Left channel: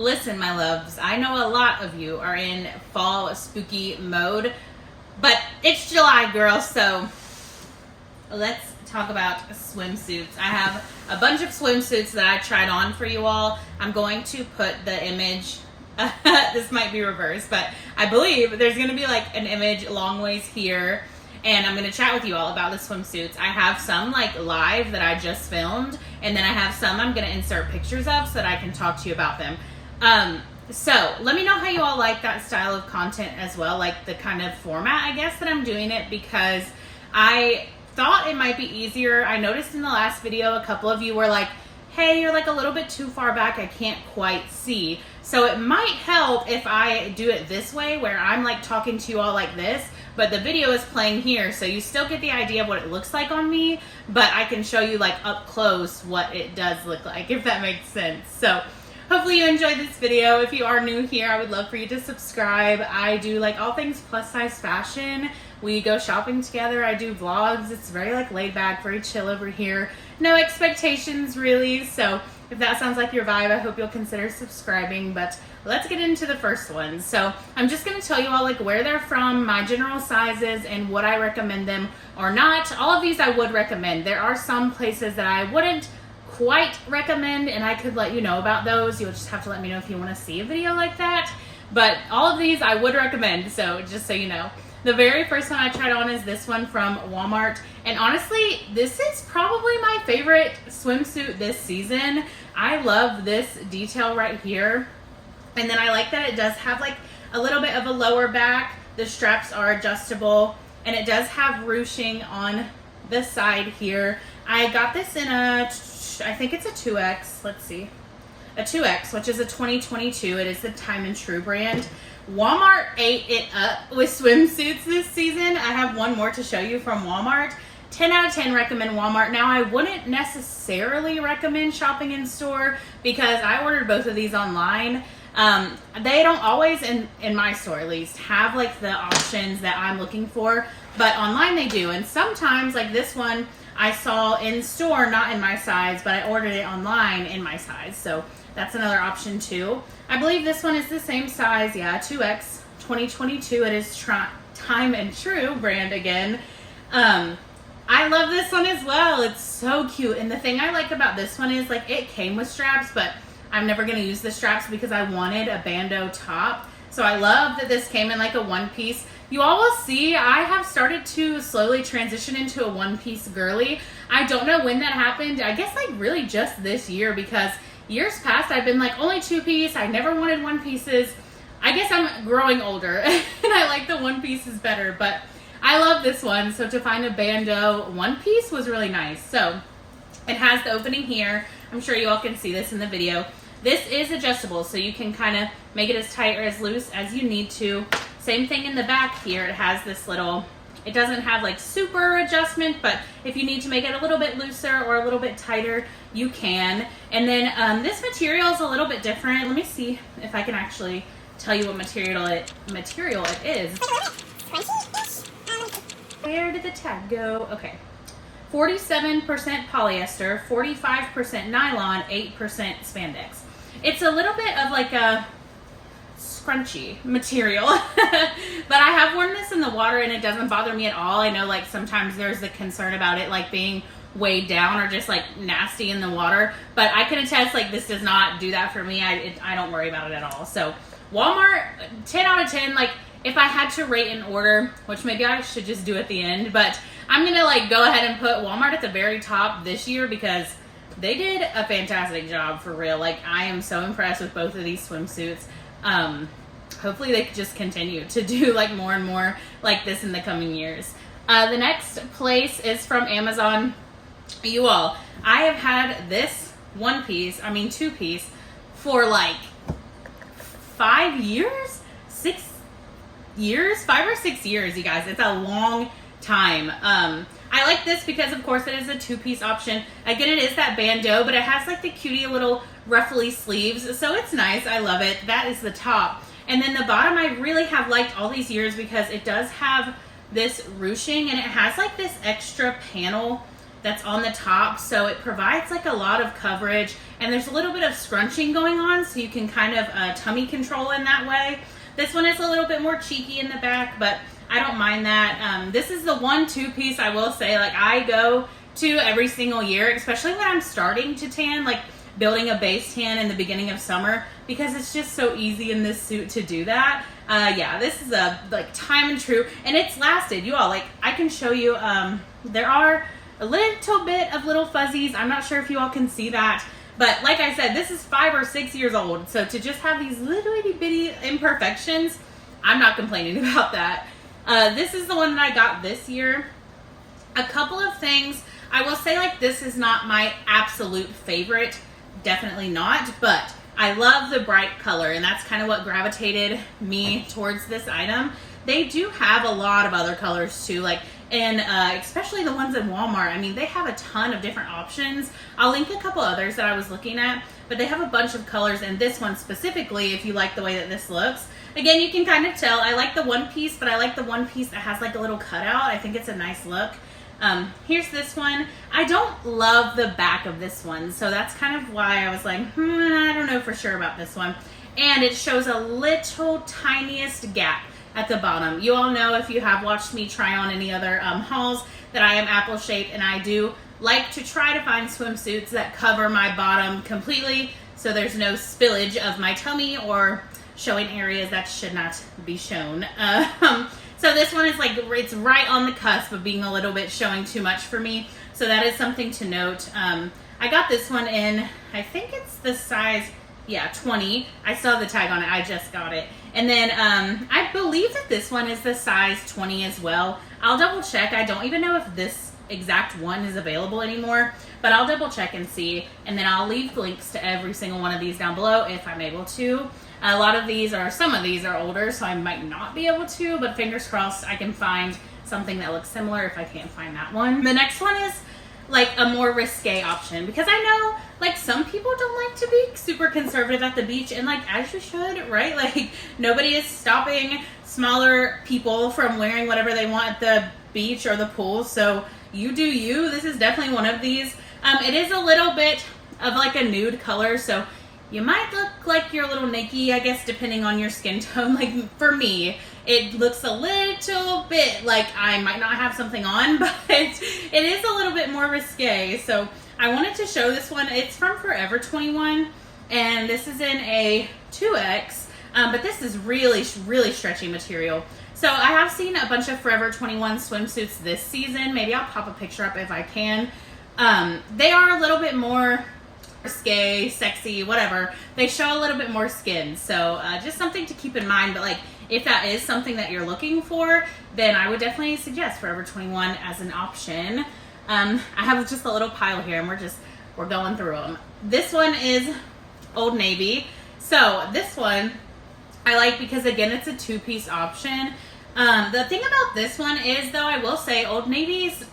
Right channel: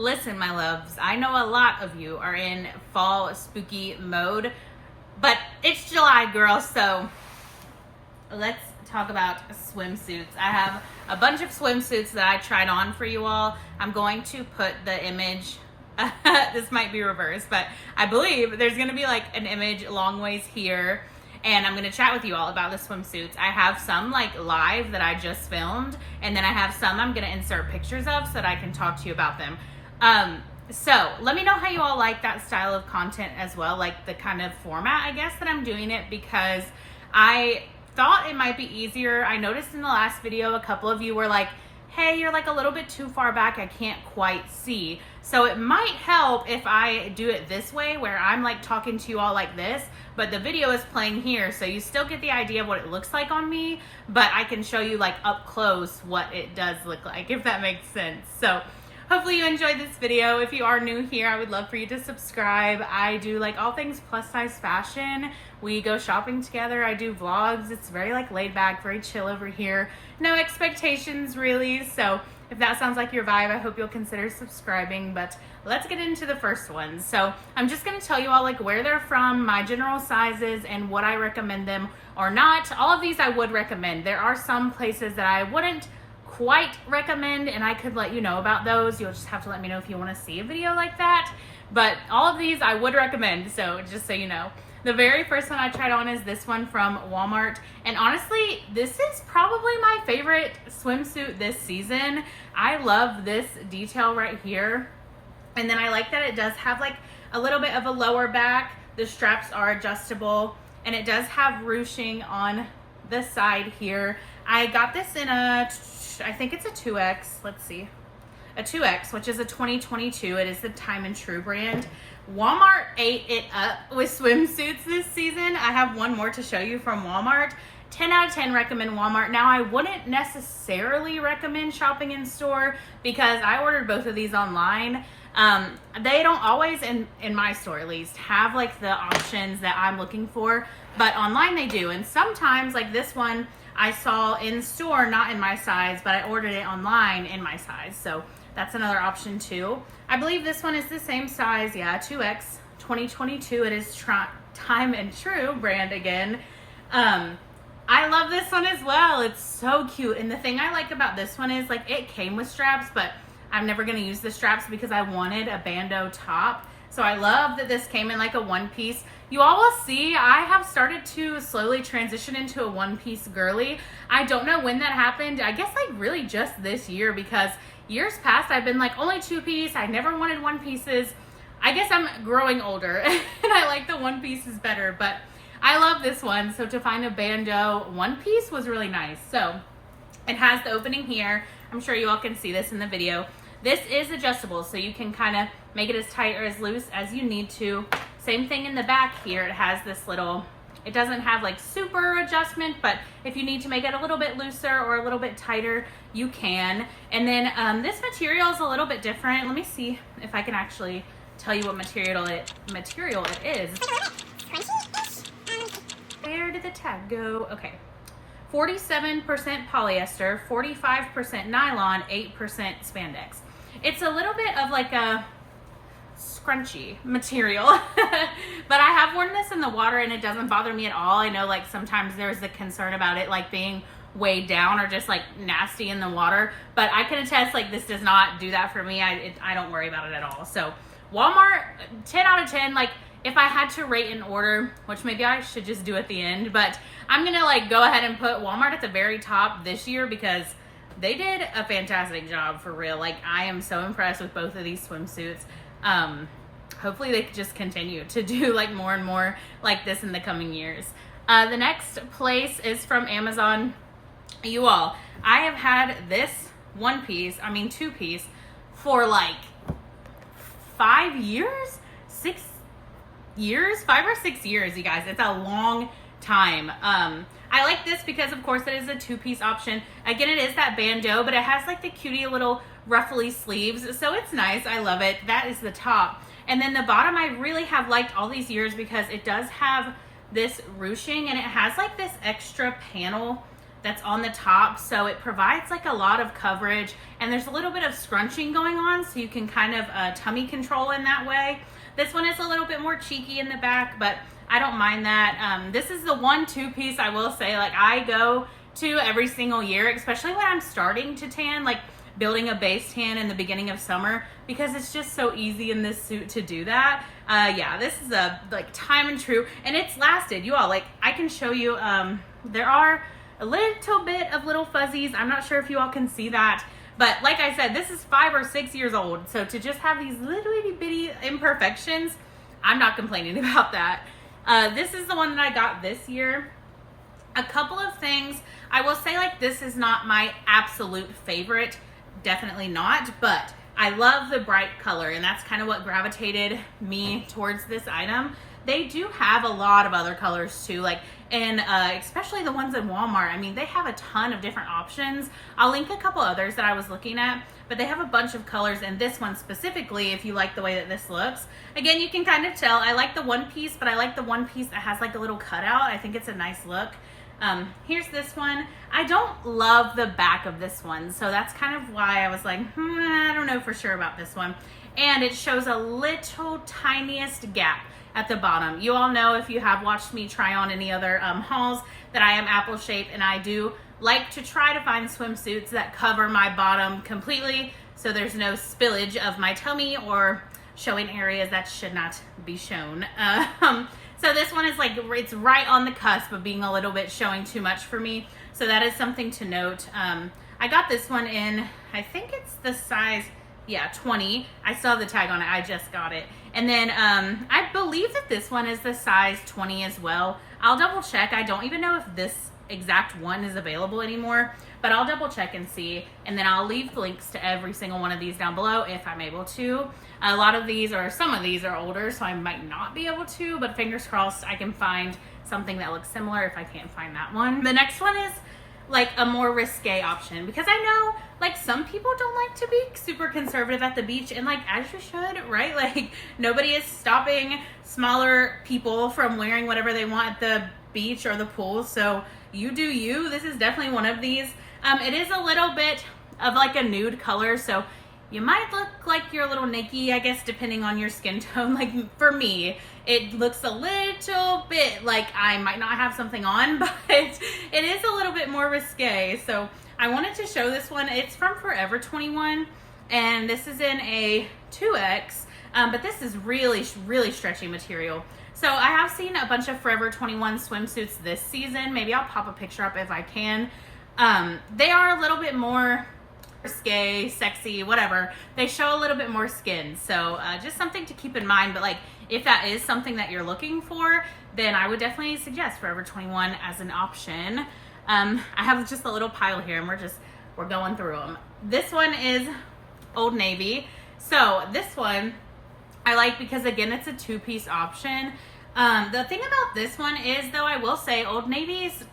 Listen, my loves, I know a lot of you are in fall spooky mode, but it's July, girl, so let's talk about swimsuits. I have a bunch of swimsuits that I tried on for you all. I'm going to put the image, this might be reversed, but I believe there's going to be like an image long ways here, and I'm going to chat with you all about the swimsuits. I have some like live that I just filmed, and then I have some I'm going to insert pictures of so that I can talk to you about them. So let me know how you all like that style of content as well, like the kind of format, I guess, that I'm doing it, because I thought it might be easier. I noticed in the last video, a couple of you were like, hey, you're like a little bit too far back, I can't quite see. So it might help if I do it this way, where I'm like talking to you all like this, but the video is playing here, so you still get the idea of what it looks like on me, but I can show you like up close what it does look like, if that makes sense. So hopefully you enjoyed this video. If you are new here, I would love for you to subscribe. I do like all things plus size fashion. We go shopping together. I do vlogs. It's very like laid back, very chill over here. No expectations really. So if that sounds like your vibe, I hope you'll consider subscribing. But let's get into the first one. So I'm just going to tell you all like where they're from, my general sizes, and what I recommend them or not. All of these I would recommend. There are some places that I wouldn't quite recommend, and I could let you know about those. You'll just have to let me know if you want to see a video like that, but all of these I would recommend, so just so you know. The very first one I tried on is this one from Walmart, and honestly this is probably my favorite swimsuit this season. I love this detail right here, and then I like that it does have like a little bit of a lower back. The straps are adjustable, and it does have ruching on the side here. I got this in I think it's a 2X, let's see, a 2X, which is a 2022. It is the Time and True brand. Walmart ate it up with swimsuits this season. I have one more to show you from Walmart. 10 out of 10 recommend Walmart. Now, I wouldn't necessarily recommend shopping in store because I ordered both of these online. They don't always, in my store at least, have like the options that I'm looking for, but online they do. And sometimes, like this one, I saw in store, not in my size, but I ordered it online in my size. So that's another option too. I believe this one is the same size. Yeah, 2X 2022. It is Time and True brand again. I love this one as well. It's so cute. And the thing I like about this one is like it came with straps, but I'm never going to use the straps because I wanted a bandeau top. So I love that this came in like a one piece. You all will see I have started to slowly transition into a one-piece girly. I don't know when that happened. I guess like really just this year, because years past I've been like only two-piece. I never wanted one-pieces. I guess I'm growing older and I like the one-pieces better, but I love this one. So to find a bandeau one-piece was really nice. So it has the opening here. I'm sure you all can see this in the video. This is adjustable, so you can kind of make it as tight or as loose as you need to. Same thing in the back here. It has this little, it doesn't have like super adjustment, but if you need to make it a little bit looser or a little bit tighter, you can. And then this material is a little bit different. Let me see if I can actually tell you what material it is. Where did the tag go? Okay. 47% polyester, 45% nylon, 8% spandex. It's a little bit of like a scrunchy material, but I have worn this in the water and it doesn't bother me at all. I know like sometimes there's the concern about it like being weighed down or just like nasty in the water, but I can attest like this does not do that for me. I don't worry about it at all. So Walmart, 10 out of 10. Like if I had to rate in order, which maybe I should just do at the end, but I'm gonna like go ahead and put Walmart at the very top this year because they did a fantastic job for real. Like I am so impressed with both of these swimsuits. Hopefully they could just continue to do like more and more like this in the coming years. The next place is from Amazon. You all, I have had this two-piece for like 5 years, 6 years, 5 or 6 years, you guys. It's a long time. I like this because of course it is a two-piece option. Again, it is that bandeau, but it has like the cutie little ruffly sleeves, so it's nice. I love it. That is the top. And then the bottom I really have liked all these years because it does have this ruching and it has like this extra panel that's on the top, so it provides like a lot of coverage, and there's a little bit of scrunching going on, so you can kind of tummy control in that way. This one is a little bit more cheeky in the back, but I don't mind that. This is the 1-2 piece I will say, like, I go to every single year, especially when I'm starting to tan, like building a base tan in the beginning of summer, because it's just so easy in this suit to do that. Yeah, this is a like time and true, and it's lasted. You all, like, I can show you, there are a little bit of little fuzzies. I'm not sure if you all can see that, but like I said, this is 5 or 6 years old, so to just have these little itty bitty imperfections, I'm not complaining about that. This is the one that I got this year. A couple of things I will say, like, this is not my absolute favorite, definitely not, but I love the bright color, and that's kind of what gravitated me towards this item. They do have a lot of other colors too, like, and especially the ones in Walmart. I mean, they have a ton of different options. I'll link a couple others that I was looking at, but they have a bunch of colors, and this one specifically, if you like the way that this looks. Again, you can kind of tell, I like the one piece, but I like the one piece that has like a little cutout. I think it's a nice look. Here's this one. I don't love the back of this one, so that's kind of why I was like, I don't know for sure about this one. And it shows a little tiniest gap at the bottom. You all know, if you have watched me try on any other hauls, that I am apple shaped, and I do like to try to find swimsuits that cover my bottom completely, so there's no spillage of my tummy or showing areas that should not be shown. So this one is like, it's right on the cusp of being a little bit showing too much for me. So that is something to note. I got this one in, I think it's the size, yeah, 20. I still have the tag on it. I just got it. And then I believe that this one is the size 20 as well. I'll double check. I don't even know if this exact one is available anymore, but I'll double check and see. And then I'll leave links to every single one of these down below if I'm able to. A lot of these, or some of these, are older, so I might not be able to, but fingers crossed I can find something that looks similar if I can't find that one. The next one is like a more risque option, because I know like some people don't like to be super conservative at the beach, and like, as you should, right? Like, nobody is stopping smaller people from wearing whatever they want at the beach or the pool, so you do you. This is definitely one of these. It is a little bit of like a nude color, so you might look like you're a little naked, I guess, depending on your skin tone. Like, for me, it looks a little bit like I might not have something on, but it is a little bit more risque. So I wanted to show this one. It's from Forever 21, and this is in a 2X, but this is really, really stretchy material. So I have seen a bunch of Forever 21 swimsuits this season. Maybe I'll pop a picture up if I can. They are a little bit more risque, sexy, whatever. They show a little bit more skin, so just something to keep in mind. But like, if that is something that you're looking for, then I would definitely suggest Forever 21 as an option. I have just a little pile here, and we're going through them. This one is Old Navy. So this one I like because, again, it's a 2-piece option. The thing about this one is, though, I will say Old Navy's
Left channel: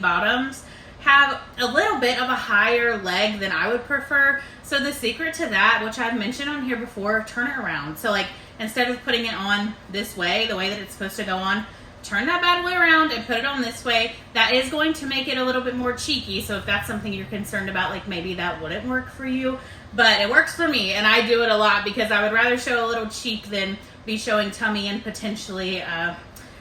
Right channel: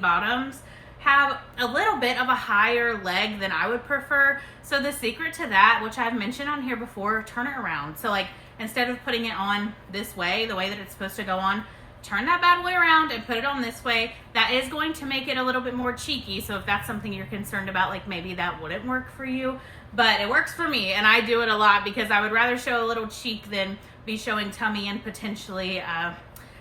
bottoms have a little bit of a higher leg than I would prefer. So the secret to that, which I've mentioned on here before, turn it around. So like, instead of putting it on this way, the way that it's supposed to go on, turn that bad way around and put it on this way. That is going to make it a little bit more cheeky. So if that's something you're concerned about, like, maybe that wouldn't work for you, but it works for me, and I do it a lot because I would rather show a little cheek than be showing tummy and potentially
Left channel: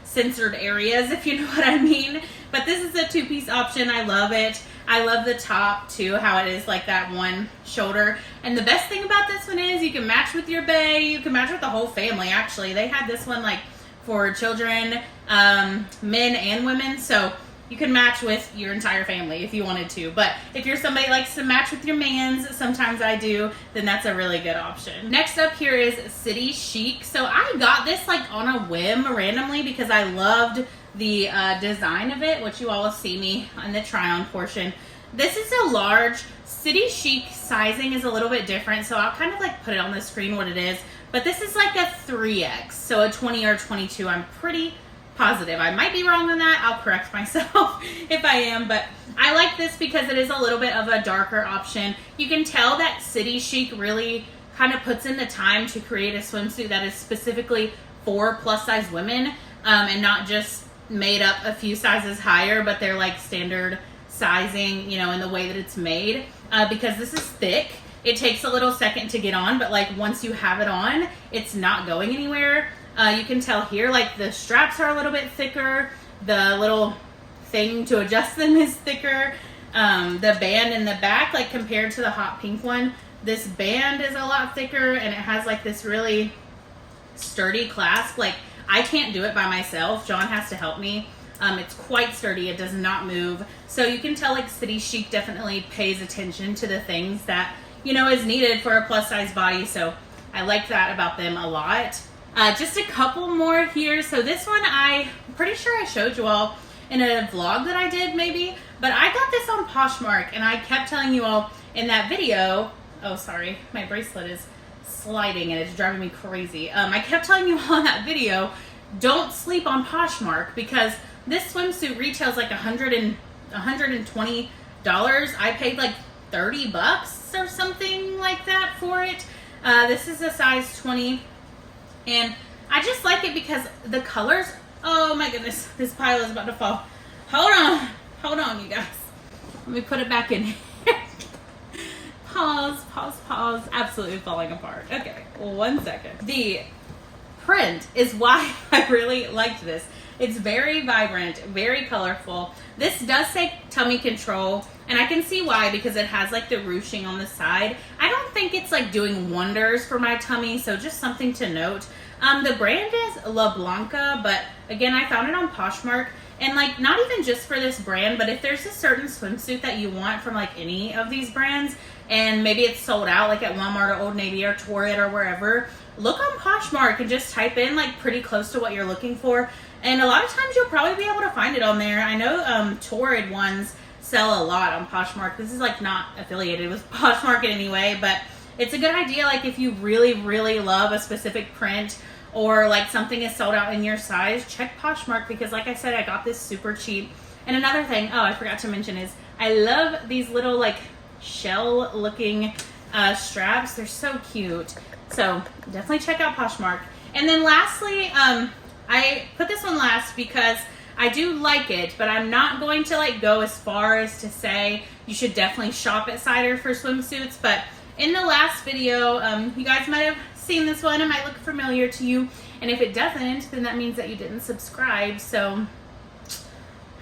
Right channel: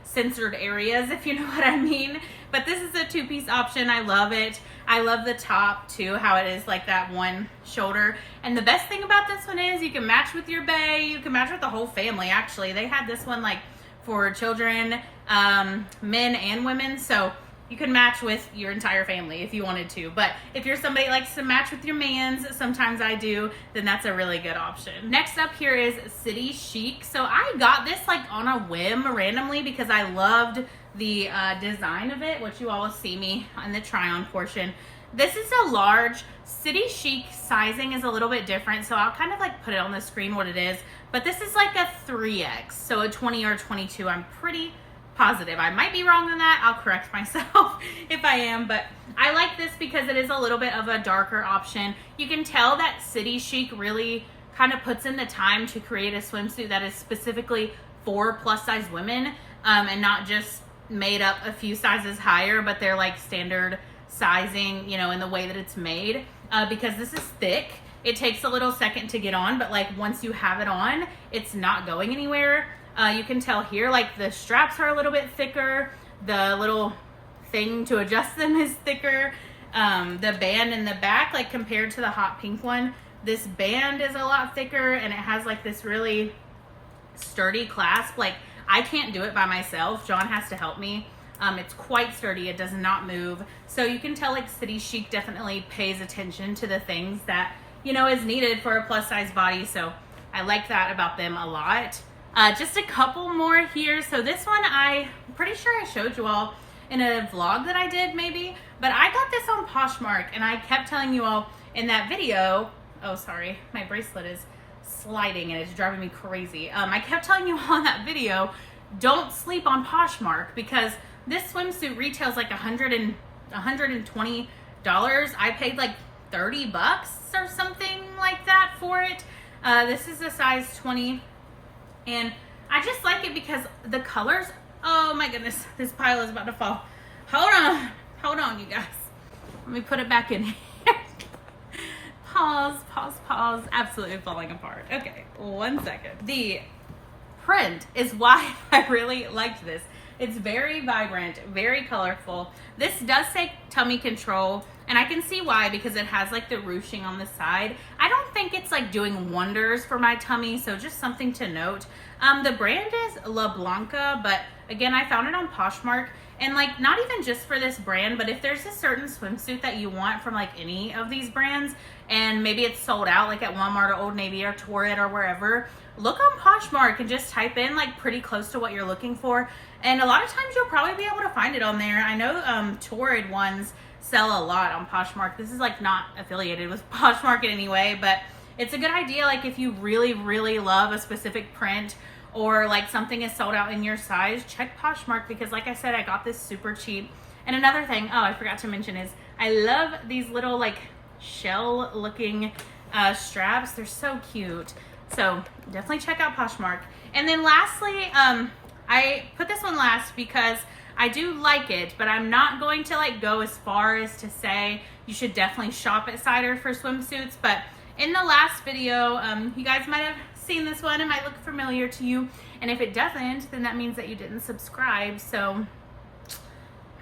censored areas, if you know what I mean. But this is a 2-piece option. I love it. I love the top too, how it is like that one shoulder. And the best thing about this one is you can match with your bae. You can match with the whole family, actually. They had this one like for children, men and women, so you can match with your entire family if you wanted to. But if you're somebody that likes to match with your mans, sometimes I do, then that's a really good option. Next up here is City Chic. So I got this like on a whim randomly because I loved the design of it, which you all will see me on the try on portion. This is a large. City Chic sizing is a little bit different, so I'll kind of like put it on the screen what it is. But this is like a 3X, so a 20 or 22. I'm pretty positive. I might be wrong on that. I'll correct myself if I am, but I like this because it is a little bit of a darker option. You can tell that City Chic really kind of puts in the time to create a swimsuit that is specifically for plus size women, and not just made up a few sizes higher, but they're like standard sizing, you know, in the way that it's made, because this is thick. It takes a little second to get on, but like once you have it on, it's not going anywhere. You can tell here, like the straps are a little bit thicker. The little thing to adjust them is thicker. The band in the back, like compared to the hot pink one, this band is a lot thicker, and it has like this really sturdy clasp. Like I can't do it by myself. John has to help me. It's quite sturdy. It does not move. So you can tell like City Chic definitely pays attention to the things that, you know, is needed for a plus size body. So I like that about them a lot. Just a couple more here. So this one, I'm pretty sure I showed you all in a vlog that I did maybe, but I got this on Poshmark, and I kept telling you all in that video, oh sorry, my bracelet is sliding and it's driving me crazy. I kept telling you all in that video, don't sleep on Poshmark, because this swimsuit retails like $120. I paid like 30 bucks or something like that for it. This is a size 20, and I just like it because the colors, oh my goodness, this pile is about to fall. Hold on, you guys. Let me put it back in here. Pause. Absolutely falling apart. Okay, 1 second. The print is why I really liked this. It's very vibrant, very colorful. This does say tummy control, and I can see why, because it has like the ruching on the side. I don't think it's like doing wonders for my tummy, so just something to note. The brand is La Blanca, but again, I found it on Poshmark, and like not even just for this brand, but if there's a certain swimsuit that you want from like any of these brands, and maybe it's sold out like at Walmart or Old Navy or Torrid or wherever, look on Poshmark and just type in like pretty close to what you're looking for. And a lot of times you'll probably be able to find it on there. I know Torrid ones sell a lot on Poshmark. This is like not affiliated with Poshmark in any way, but it's a good idea like if you really, really love a specific print, or like something is sold out in your size, check Poshmark, because like I said, I got this super cheap. And another thing, oh, I forgot to mention, is I love these little like shell looking straps. They're so cute. So definitely check out Poshmark. And then lastly, I put this one last because I do like it, but I'm not going to like go as far as to say you should definitely shop at Cider for swimsuits. But in the last video, you guys might have seen this one. It might look familiar to you, and if it doesn't, then that means that you didn't subscribe. So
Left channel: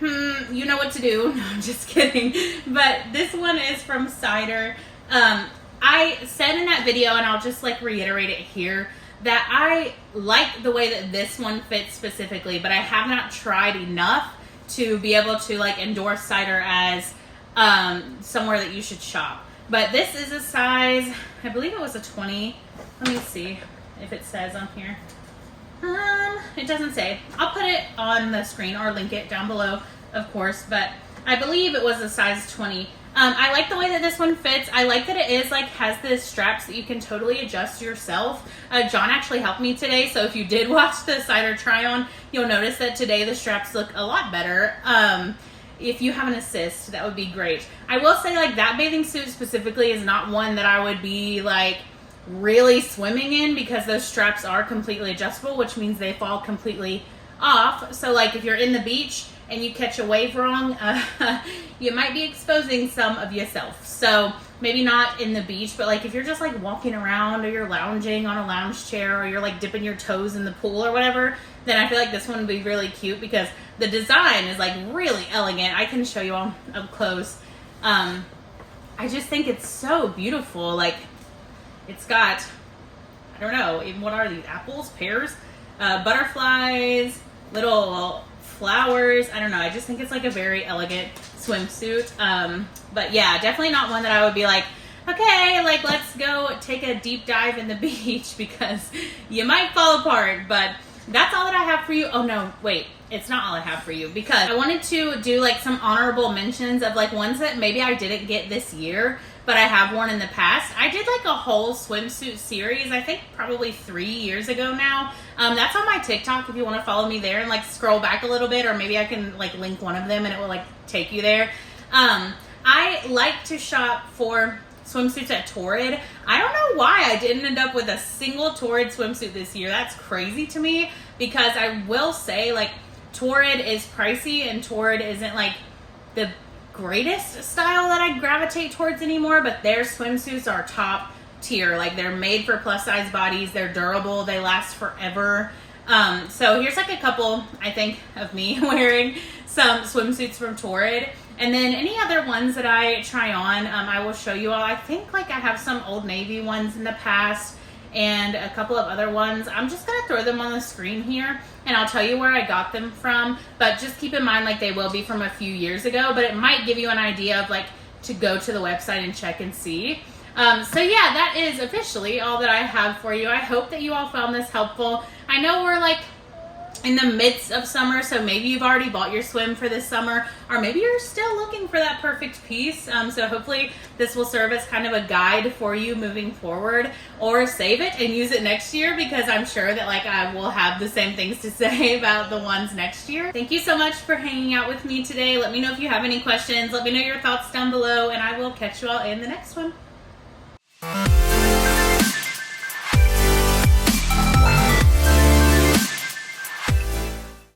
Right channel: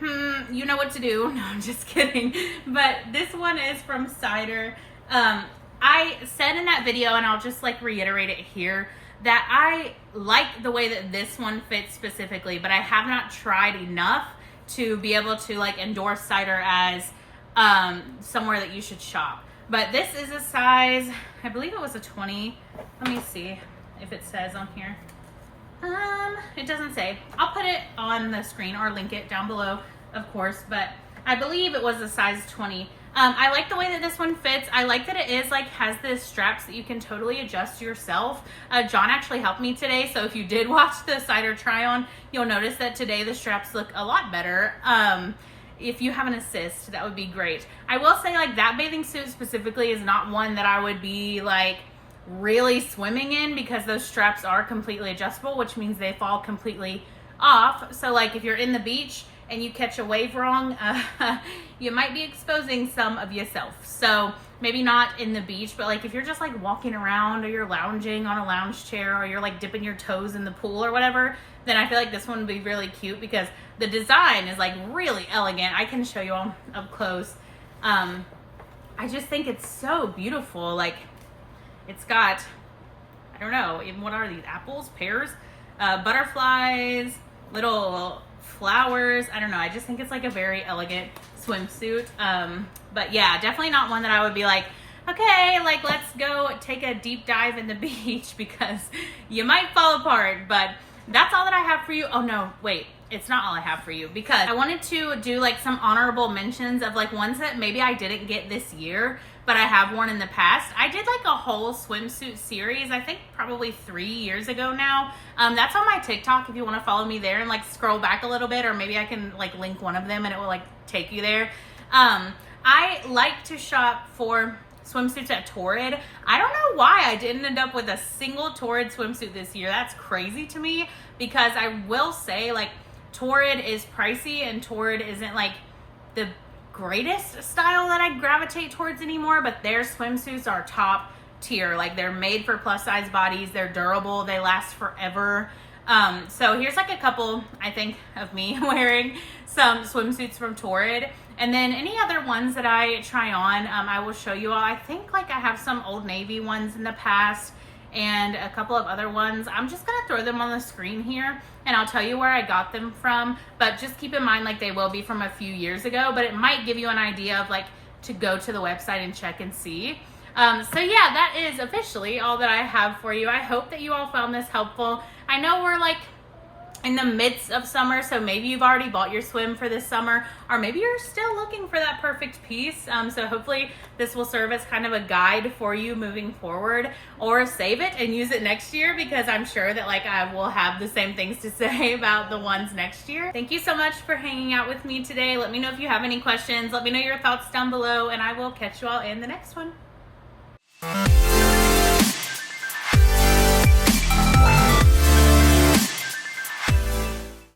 you know what to do. No, I'm just kidding. But this one is from Cider. I said in that video, and I'll just like reiterate it here, that I like the way that this one fits specifically, but I have not tried enough to be able to like endorse Cider as somewhere that you should shop. But this is a size, I believe it was a 20. Let me see if it says on here. It doesn't say. I'll put it on the screen or link it down below, of course, but I believe it was a size 20. I like the way that this one fits. I like that it is like has the straps that you can totally adjust yourself. John actually helped me today, so if you did watch the Cider try on, you'll notice that today the straps look a lot better. If you have an assist, that would be great. I will say like that bathing suit specifically is not one that I would be like really swimming in, because those straps are completely adjustable, which means they fall completely off. So like if you're in the beach and you catch a wave wrong, you might be exposing some of yourself. So maybe not in the beach, but like if you're just like walking around, or you're lounging on a lounge chair, or you're like dipping your toes in the pool or whatever, then I feel like this one would be really cute, because the design is like really elegant. I can show you all up close. I just think it's so beautiful. Like it's got, I don't know, even what are these, apples, pears, butterflies, little flowers. I don't know. I just think it's like a very elegant swimsuit. But yeah, definitely not one that I would be like, okay, like let's go take a deep dive in the beach, because you might fall apart. But that's all that I have for you. Oh no, wait, it's not all I have for you, because I wanted to do like some honorable mentions of like ones that maybe I didn't get this year, but I have worn in the past. I did like a whole swimsuit series, I think probably 3 years ago now. That's on my TikTok if you want to follow me there and like scroll back a little bit, or maybe I can like link one of them and it will like take you there. I like to shop for swimsuits at Torrid. I don't know why I didn't end up with a single Torrid swimsuit this year. That's crazy to me, because I will say like Torrid is pricey, and Torrid isn't like the greatest style that I gravitate towards anymore, but their swimsuits are top tier. Like, they're made for plus size bodies, they're durable, they last forever. So here's like a couple, I think, of me wearing some swimsuits from Torrid. And then any other ones that I try on, I will show you all. I think like I have some Old Navy ones in the past and a couple of other ones. I'm just gonna throw them on the screen here and I'll tell you where I got them from, but just keep in mind like they will be from a few years ago, but it might give you an idea of like to go to the website and check and see. So yeah, that is officially all that I have for you. I hope that you all found this helpful. I know we're like in the midst of summer, so maybe you've already bought your swim for this summer, or maybe you're still looking for that perfect piece. So hopefully this will serve as kind of a guide for you moving forward, or save it and use it next year, because I'm sure that like I will have the same things to say about the ones next year. Thank you so much for hanging out with me today. Let me know if you have any questions. Let me know your thoughts down below, and I will catch you all in the next one.